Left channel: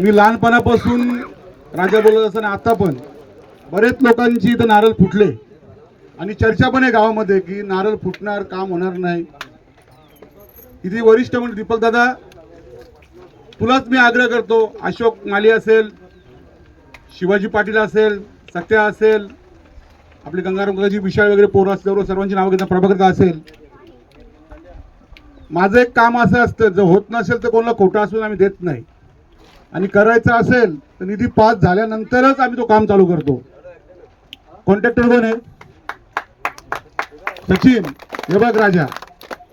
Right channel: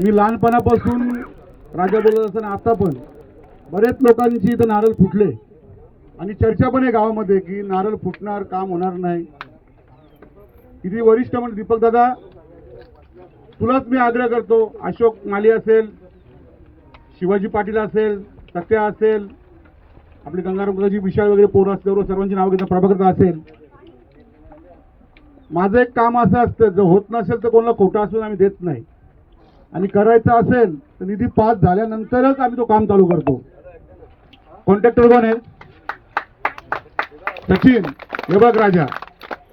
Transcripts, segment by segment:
मी लहानपणापासून राजा बोलत असताना आता पण बरेच लोकांची इथं नारळ फुटले आणि चर्चा पण आहे गावामध्ये की नारळ फुटणार, काम होणार नाही. इथे वरिष्ठ म्हणजे दीपक दादा, तुलाच मी आग्रह करतो, अशोक माली असेल, शिवाजी पाटील असेल, सत्या असेल, आपली गंगारामजी विशाळ वगैरे पोरं असल्यावर सर्वांची नाव घेता, प्रभाकर असेल, माझं एक काम असं असतं, जर होत नसेल तर कोणाला खोटं असून आम्ही देत नाही, आणि करायचं असेल तर निधी पास झाल्यानंतरच आम्ही तो काम चालू करतो. कॉन्ट्रॅक्टर कोण आहे? सचिन. हे बघ राजा,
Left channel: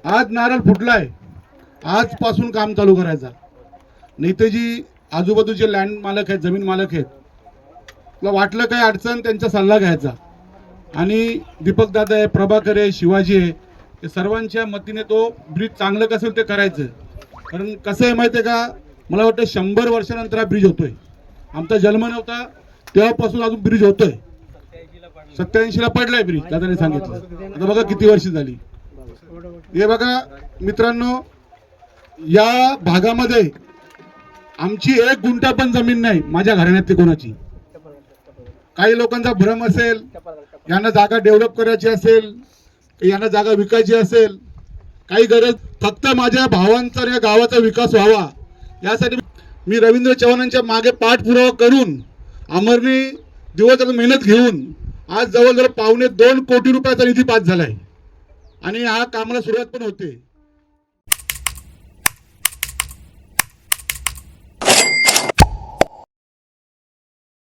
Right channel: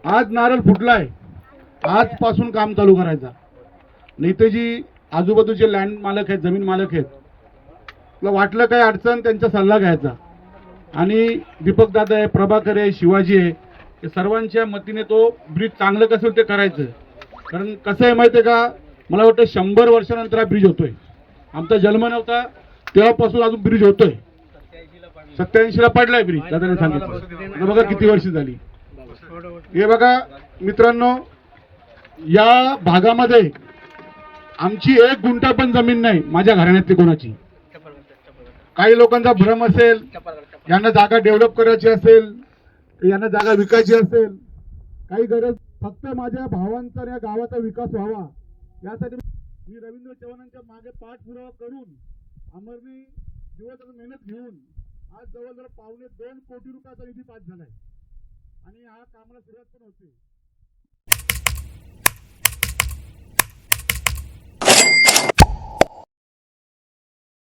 आज नारळ फुटलाय, आजपासून काम चालू करायचा. नाही तर जी आजूबाजूचे लँड मालक आहेत, जमीन मालक आहेत, तुला वाटलं काय अडचण, त्यांचा सल्ला घ्यायचा. आणि दीपक दादा आहे, प्रभाकर आहे, शिवाजी आहे, हे सर्वांच्या मतीने तो ब्रिज चांगलं कसं ते करायचं. कारण कसं आहे माहिती आहे का, मला वाटतं 100 वर्षानंतर हा ब्रिज होतोय. आमचा जन्म नव्हता तेव्हापासून अजून ब्रिज होतोय. 87 ला पडलाय ब्रिज, दादाने सांगितलं. आता बघा किती वर्ष झाली. हे बघा मित्रांनो, या भागामध्ये आमची 1 गुंठा पण जमीन नाही, माझ्या घराण्यातली कोणाची. काही लोकांचा भ्रम असेल, यांना जागा डेव्हलप करायची असेल, यांना जागा विकायची असेल, काही गरज, फक्त माझ्या भावांचा आणि या गावाचा विकास व्हावा यासाठी मी रवींद्र चव्हाणांच्या मागे पाठपुरावा करून अमरनी दिवसरात्र मेहनत घेऊन आज जवळजवळ 1.25 कोटी रुपयाचा निधी पास झालाय आणि हा कामाला सुरुवात पण होते.